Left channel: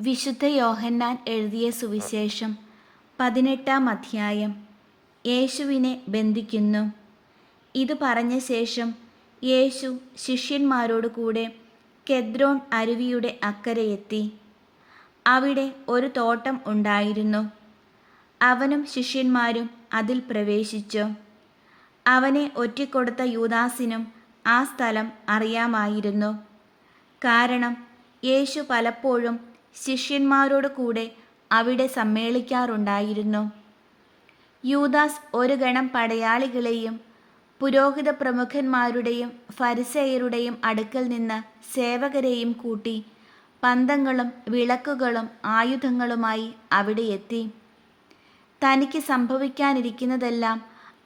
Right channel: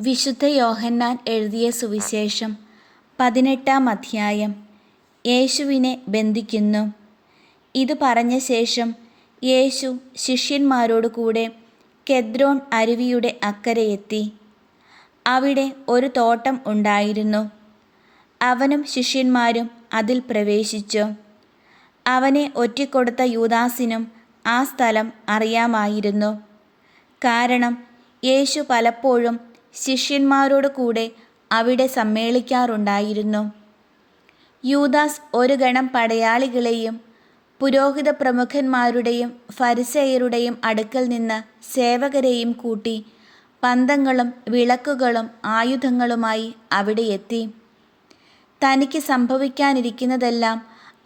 വിശുദ്ധ യോഹന്നാൻ എഴുതിയ സുവിശേഷം 18-ാം അധ്യായം. യേശുവിനെ ബന്ധിക്കുന്നു. ഇത് പറഞ്ഞ ശേഷം യേശു ശിഷ്യന്മാരോട് കൂടെ കെദ്രോൻ അരുവിയുടെ അക്കരെയെത്തി. അവിടെ ഒരു തോട്ടം ഉണ്ടായിരുന്നു. അവനും ശിഷ്യന്മാരും അതിൽ പ്രവേശിച്ചു. അവനെ ഒറ്റിക്കൊടുത്ത യൂദാസിനും ആ സ്ഥലം അറിയാമായിരുന്നു. കാരണം യേശു പലപ്പോഴും ശിഷ്യന്മാരോട് കൂടെ അവിടെ സമ്മേളിക്കാറുണ്ടായിരുന്നു. യൂദാസ് ഒരു ഗണം പടയാളികളെയും പുരോഹിത പ്രമുഖന്മാരുടെയും ഫരിസേയരുടെയും അടുക്കൽ നിന്ന് സേവകരെയും കൂട്ടി പന്തങ്ങളും വിളക്കുകളും ആയുധങ്ങളുമായി അവിടെ എത്തി. തനിക്ക് സംഭവിക്കാനിരിക്കുന്നതെല്ലാം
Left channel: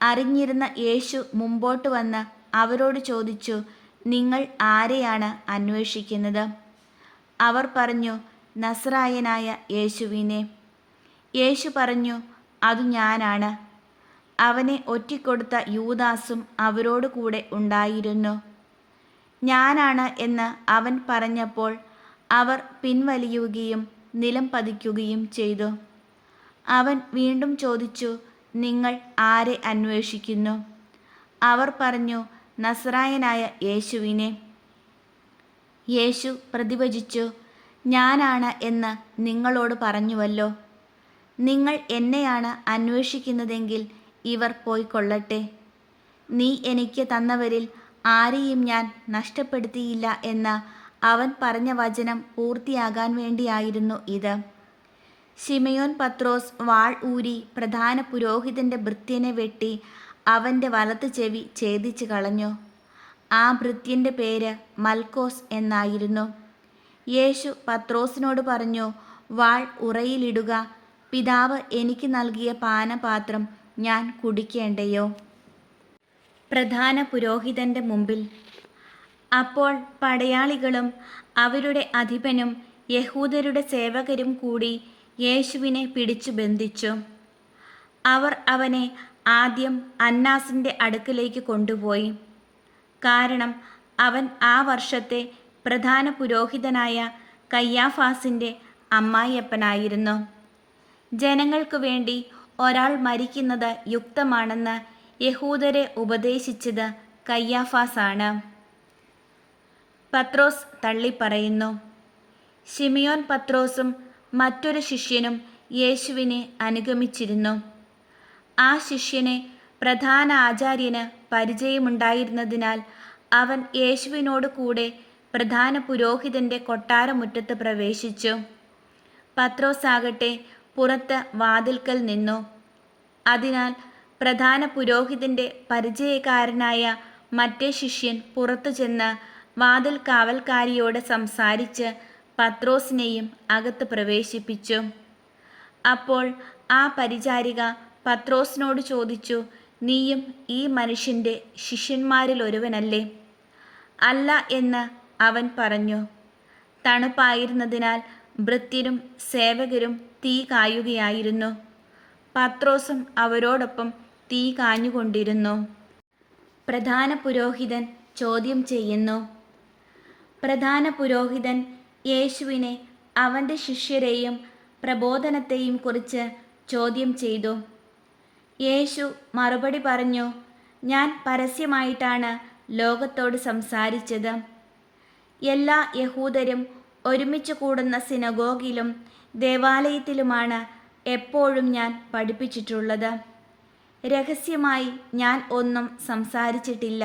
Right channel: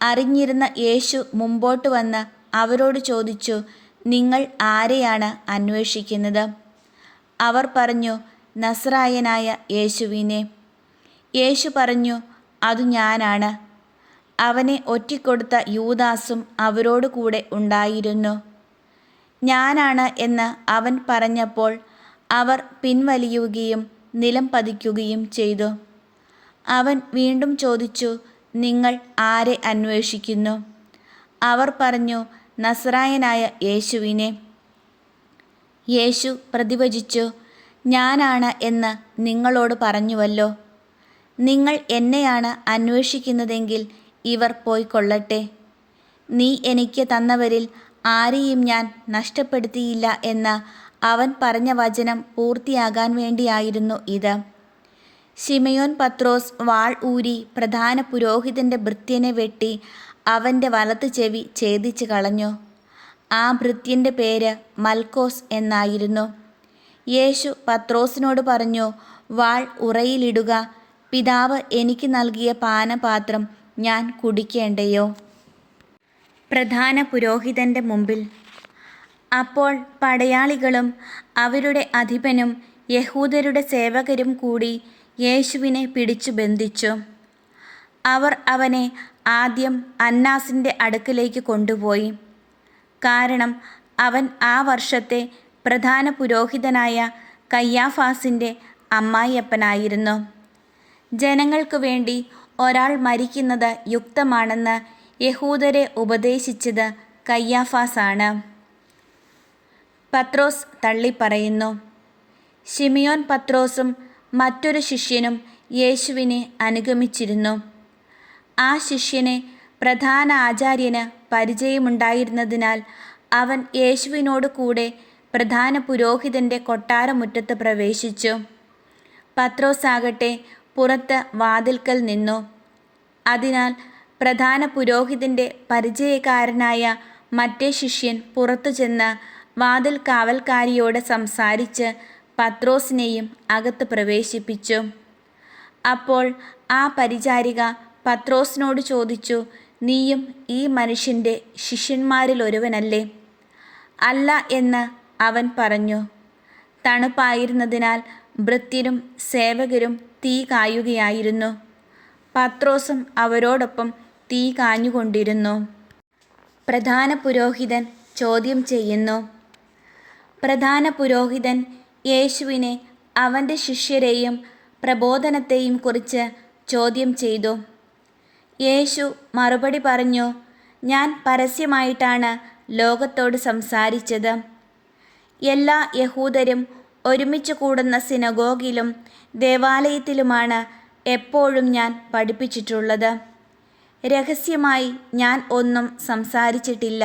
അറിഞ്ഞിരുന്ന യേശു മുമ്പോട്ട് വന്ന് അവരോട് ചോദിച്ചു, നിങ്ങൾ ആരെയാണ് അന്വേഷിക്കുന്നത്? അവർ പറഞ്ഞു, നസ്രായനായ യേശുവിനെ. യേശു പറഞ്ഞു, അതു ഞാനാണ്. അവനെ ഒറ്റിക്കൊടുത്ത യൂദാസും അവരോട് കൂടെ ഉണ്ടായിരുന്നു. ഞാനാണ് എന്ന് അവൻ പറഞ്ഞപ്പോൾ അവർ പിൻവലിയുകയും നിലം പതിക്കുകയും ചെയ്തു. അവൻ വീണ്ടും ചോദിച്ചു, നിങ്ങൾ ആരെ അന്വേഷിക്കുന്നു? അവർ പറഞ്ഞു, നസ്രായനായ യേശുവിനെ. യേശു പ്രതിവചിച്ചു, ഞാനാണ് എന്ന് നിങ്ങളോട് പറഞ്ഞുവല്ലോ. നിങ്ങൾ എന്നെയാണ് അന്വേഷിക്കുന്നതെങ്കിൽ ഇവർ പോയിക്കൊള്ളട്ടെ. നീ എനിക്ക് തന്നവരിൽ ആരെയും ഞാൻ നഷ്ടപ്പെടുത്തിയില്ല എന്ന് അവൻ പറഞ്ഞ വചനം പൂർത്തിയാകാൻ വേണ്ടിയായിരുന്നു ഇത്. ശിമയോൻ പത്രോസ് വാൾ ഊരി പ്രധാന പുരോഹിതൻ്റെ ഭൃത്യനെ വെട്ടി അവൻ്റെ വലത്ത് ചെവി ഛേദിച്ച് കളഞ്ഞു. ആ ഭൃത്യൻ്റെ പേര് മൽക്കോസ് എന്നായിരുന്നു. യേശു പത്രോസിനോട് പറഞ്ഞു, വാൾ ഉറയിലിടുക. പിതാവ് എനിക്ക് നൽകിയ പാനപാത്രം ഞാൻ കുടിക്കേണ്ടയോ? പ്രധാന പുരോഹിതൻ്റെ മുമ്പിൽ. അപ്പോൾ പടയാളികളും അവരുടെ അധിപനും യഹൂദരുടെ സേവകരും കൂടി യേശുവിനെ പിടിച്ചു ബന്ധിച്ചു. അവർ അവനെ ആദ്യം അന്നാസിൻ്റെ അടുക്കലേക്ക് കൊണ്ടുപോയി. കാരണം അവൻ ആ വർഷത്തെ പ്രധാന പുരോഹിതനായ കയ്യാഫാസിൻ്റെ അമ്മായിയപ്പനായിരുന്നു. ജനങ്ങൾക്ക് വേണ്ടി ഒരാൾ മരിക്കുന്നത് യുക്തമാണെന്ന് യഹൂദരെ ഉപദേശിച്ചത് കയ്യാഫാസാണ്. പത്രോസ് തള്ളിപ്പറയുന്നു. ശിമയോൻ പത്രോസും മറ്റൊരു ശിഷ്യനും യേശുവിനെ അനുഗമിച്ചിരുന്നു. ആ ശിഷ്യനെ പ്രധാന ആചാര്യന് പരിചയമുണ്ടായിരുന്നതിനാൽ അവൻ യേശുവിനോട് കൂടെ പ്രധാന പുരോഹിതൻ്റെ കൊട്ടാരമുറ്റത്ത് പ്രവേശിച്ചു. പത്രോസാകട്ടെ പുറത്ത് വാതിൽക്കൽ നിന്നു. അതിനാൽ പ്രധാന പുരോഹിതൻ്റെ പരിചയക്കാരനായ മറ്റേ ശിഷ്യൻ പുറത്തു ചെന്ന് വാതിൽ കാവൽക്കാരിയോട് സംസാരിച്ച് പത്രോസിനെയും അകത്ത് പ്രവേശിപ്പിച്ചു. അപ്പോൾ ആ പരിചാരിക പത്രോസിനോട് ചോദിച്ചു, നീയും ഈ മനുഷ്യൻ്റെ ശിഷ്യന്മാരിലൊരുവനല്ലേ? അല്ല എന്ന് അവൻ പറഞ്ഞു. തണുപ്പായിരുന്നതിനാൽ ഭൃത്യരും സേവകരും തീ കായുകയായിരുന്നു. പത്രോസും അവരോടൊപ്പം തീ കാഞ്ഞുകൊണ്ടിരുന്നു. പ്രധാന പുരോഹിതൻ ചോദ്യം ചെയ്യുന്നു. പ്രധാന പുരോഹിതൻ യേശുവിനെ അവൻ്റെ ശിഷ്യരെയും പ്രബോധനത്തെയും കുറിച്ച് ചോദ്യം ചെയ്തു. യേശു മറുപടി പറഞ്ഞു, ഞാൻ പരസ്യമായിട്ടാണ് ലോകത്തോട് സംസാരിച്ചത്. എല്ലാ യഹൂദരും ഒരുമിച്ച് കൂടുന്ന സിനഗോഗിലും ദേവാലയത്തിലുമാണ് എപ്പോഴും ഞാൻ പഠിപ്പിച്ചിട്ടുള്ളത്. രഹസ്യമായി ഞാൻ ഒന്നും സംസാരിച്ചിട്ടില്ല.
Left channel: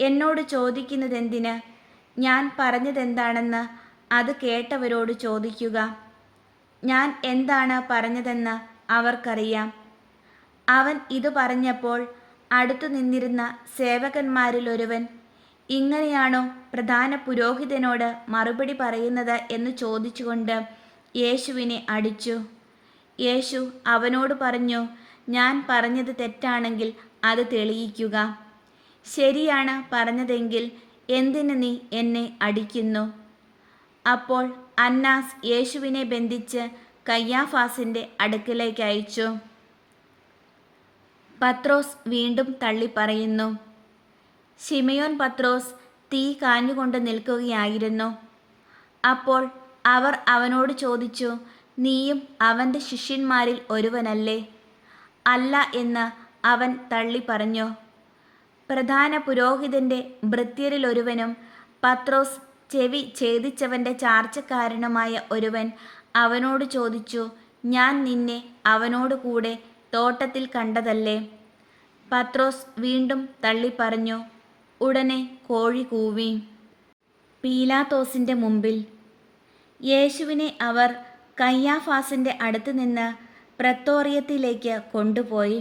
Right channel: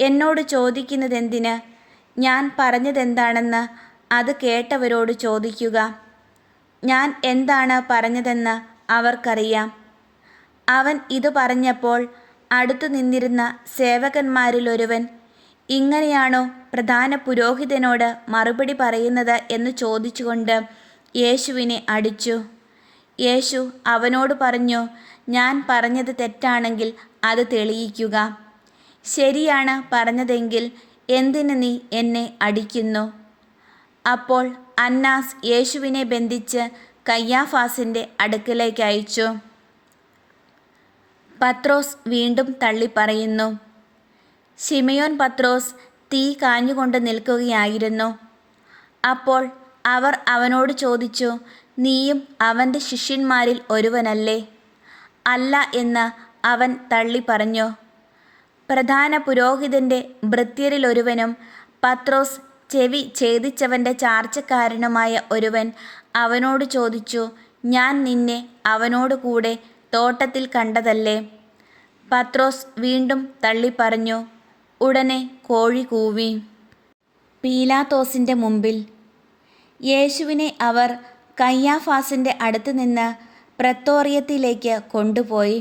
എന്നോട് ചോദിക്കുന്നതെന്തിന്? ഞാൻ പറഞ്ഞതെന്താണെന്ന് അത് കേട്ടവരോട് ചോദിക്കുക. ഞാൻ എന്താണ് പറഞ്ഞതെന്ന് അവർക്കറിയാം. അവൻ ഇത് പറഞ്ഞപ്പോൾ അടുത്തു നിന്നിരുന്ന സേവകന്മാരിലൊരുവൻ, ഇങ്ങനെയാണോ പ്രധാന പുരോഹിതനോട് മറുപടി പറയുന്നത് എന്ന് ചോദിച്ചുകൊണ്ട് യേശുവിനെ അടിച്ചു. യേശു അവനോട് പറഞ്ഞു, ഞാൻ പറഞ്ഞത് തെറ്റാണെങ്കിൽ അത് തെളിയിക്കുക. ശരിയാണ് പറഞ്ഞതെങ്കിൽ എന്തിന് നീ എന്നെ അടിക്കുന്നു? അപ്പോൾ അന്നാസ് യേശുവിനെ ബന്ധിച്ച് കയ്യാഫാസിൻ്റെ അടുക്കലേക്ക് അയച്ചു. പത്രോസ് വീണ്ടും തള്ളിപ്പറയുന്നു. ശിമയോൻ പത്രോസ് തീ കാഞ്ഞുകൊണ്ട് നിൽക്കുകയായിരുന്നു. അപ്പോൾ അവർ അവനോട് ചോദിച്ചു, നീയും അവൻ്റെ ശിഷ്യന്മാരിൽ ഒരുവനല്ലേ? അല്ല എന്ന് അവൻ തള്ളി പറഞ്ഞു. പ്രധാന പുരോഹിതൻ്റെ ഭൃത്യരിലൊരുവനും പത്രോസ് ചെവി ഛേദിച്ചവൻ്റെ ചാർച്ചക്കാരനുമായ ഒരുവൻ അവനോട് ചോദിച്ചു, ഞാൻ നിന്നെ അവനോട് കൂടെ തോട്ടത്തിൽ കണ്ടതല്ലേ? പത്രോസ് വീണ്ടും തള്ളിപ്പറഞ്ഞു. ഉടനെ കോഴി കൂവി. പീലാത്തോസിൻ്റെ മുമ്പിൽ. യേശുവിനെ അവർ കയ്യാഫാസിൻ്റെ അടുത്ത് നിന്ന് പ്രത്തോറിയത്തിലേക്ക് കൊണ്ടുപോയി.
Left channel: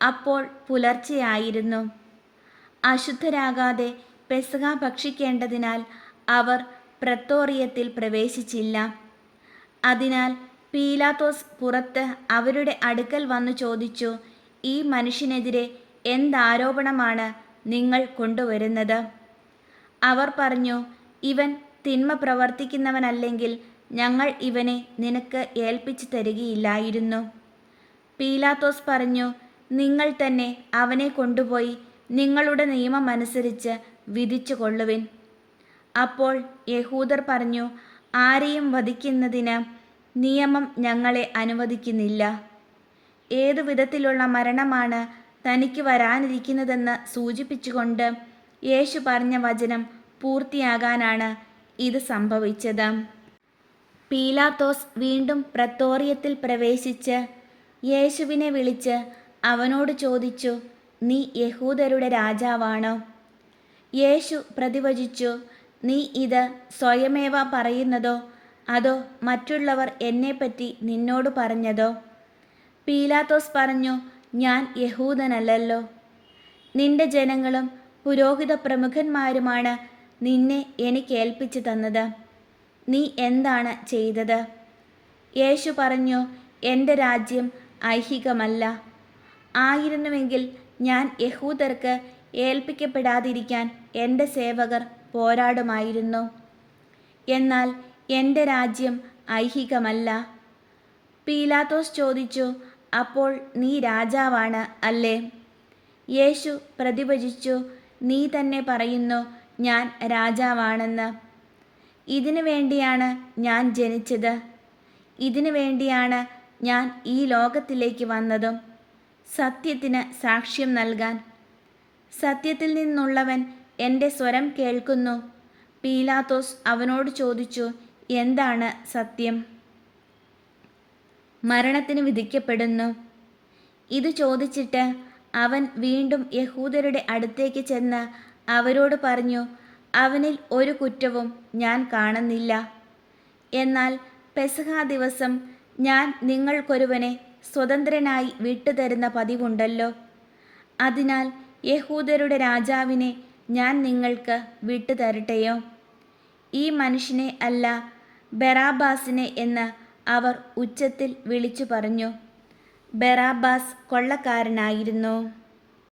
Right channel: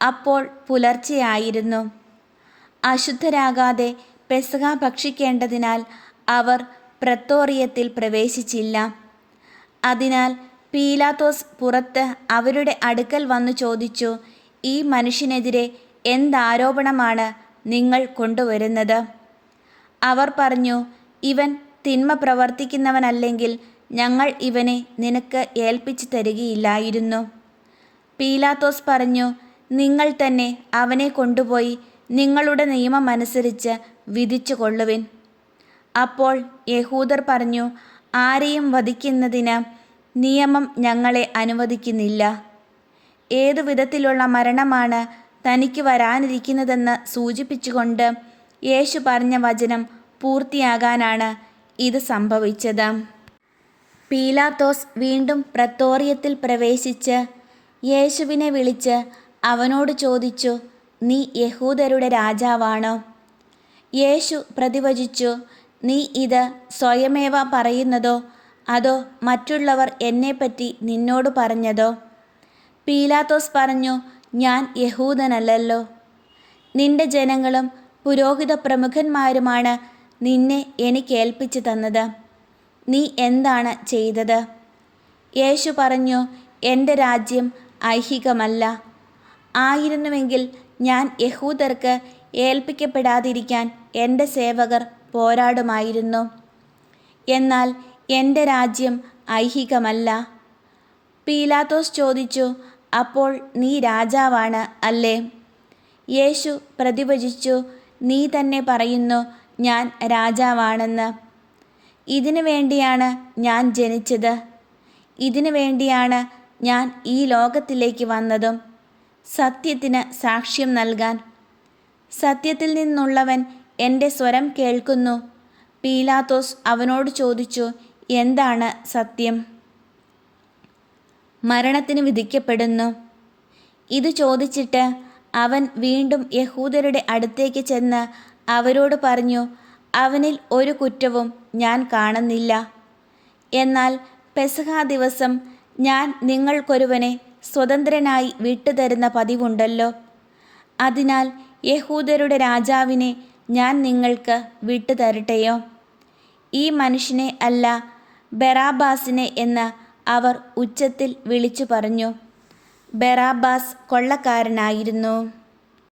അപ്പോൾ പുലർച്ചെയായിരുന്നു. അശുദ്ധരാകാതെ പെസഹ ഭക്ഷിക്കേണ്ടതിനാൽ അവർ പ്രത്തോറിയത്തിൽ പ്രവേശിച്ചില്ല. അതിനാൽ പീലാത്തോസ് പുറത്ത് അവരുടെ അടുക്കൽ വന്നു ചോദിച്ചു, ഈ മനുഷ്യനെതിരെ എന്താരോപണമാണ് നിങ്ങൾ കൊണ്ടുവരുന്നത്? അവർ പറഞ്ഞു, ഇവൻ തിന്മ പ്രവർത്തിക്കുന്നവനല്ലെങ്കിൽ ഞങ്ങൾ ഇവനെ നിനക്ക് ഏൽപ്പിച്ചു തരികയില്ലായിരുന്നു. പീലാത്തോസ് പറഞ്ഞു, നിങ്ങൾ തന്നെ അവനെ കൊണ്ടുപോയി നിങ്ങളുടെ നിയമമനുസരിച്ച് വിധിച്ചു കൊള്ളുവിൻ. അപ്പോൾ യഹൂദർ പറഞ്ഞു, ആരെയും വധിക്കുന്നതിന് നിയമം ഞങ്ങളെ അനുവദിക്കുന്നില്ല. ഏതു വിധത്തിലുള്ള മരണമാണ് തനിക്ക് വരാനിരിക്കുന്നതെന്ന് സൂചിപ്പിച്ചുകൊണ്ട് യേശു പറഞ്ഞ വചനം പൂർത്തിയാകാനാണ് ഇത് സംഭവിച്ചത്. പീലാത്തോസ് വീണ്ടും പ്രത്തോറിയത്തിൽ പ്രവേശിച്ച് യേശുവിനെ വിളിച്ച് അവനോട് ചോദിച്ചു, നീ യഹൂദരുടെ രാജാവാണോ? യേശു പ്രതിവചിച്ചു, നീ ഇത് സ്വയമേവ പറയുന്നതോ അതോ മറ്റുള്ളവർ എന്നെപ്പറ്റി നിന്നോട് പറഞ്ഞതോ? പീലാത്തോസ് പറഞ്ഞു, ഞാൻ യഹൂദനല്ലല്ലോ. നിന്റെ ജനങ്ങളും പുരോഹിത പ്രമുഖന്മാരുമാണ് നിന്നെ എനിക്കേൽപ്പിച്ചു തന്നത്. നീ എന്താണ് ചെയ്തത്? യേശു പറഞ്ഞു, എൻ്റെ രാജ്യം ഐഹികമല്ല. ആയിരുന്നുവെങ്കിൽ ഞാൻ യഹൂദർക്ക് ഏൽപ്പിക്കപ്പെടാതിരിക്കാൻ എൻ്റെ സേവകർ പോരാടുമായിരുന്നു. എന്നാൽ എൻ്റെ രാജ്യം ഐഹികമല്ല. പീലാത്തോസ് ചോദിച്ചു, അപ്പോൾ നീ രാജാവാണ് അല്ലേ? യേശു പ്രതിവചിച്ചു, നീ തന്നെ പറയുന്നു ഞാൻ രാജാവാണെന്ന്. ഇതിനു വേണ്ടിയാണ് ഞാൻ ജനിച്ചത്. ഇതിനു വേണ്ടിയാണ് ഞാൻ ഈ ലോകത്തിലേക്ക് വന്നതും, സത്യത്തിന് സാക്ഷ്യം നൽകാൻ. സത്യത്തിൽ നിന്നുള്ളവൻ എൻ്റെ സ്വരം കേൾക്കുന്നു. പീലാത്തോസ് അവനോട് ചോദിച്ചു, എന്താണ് സത്യം? മരണത്തിന് വിധിക്കപ്പെടുന്നു. ഇത് ചോദിച്ചിട്ട് അവൻ വീണ്ടും യഹൂദരുടെ അടുത്തേക്ക് ചെന്ന് അവരോട് പറഞ്ഞു, അവനിൽ ഒരു കുറ്റവും ഞാൻ കാണുന്നില്ല. എന്നാൽ പെസഹ ദിവസം ഞാൻ നിങ്ങൾക്കൊരുവനെ സ്വതന്ത്രനായി വിട്ടുതരുന്ന പതിവുണ്ടല്ലോ. അതിനാൽ യഹൂദരുടെ രാജാവിനെ ഞാൻ നിങ്ങൾക്ക് വിട്ടുതരട്ടെയോ? ഈ മനുഷ്യനെ അല്ല, ബറാബാസിനെ എന്ന് അവർ ഉച്ചത്തിൽ വിളിച്ചു പറഞ്ഞു. ബറാബാസ് കൊള്ളക്കാരനായിരുന്നു.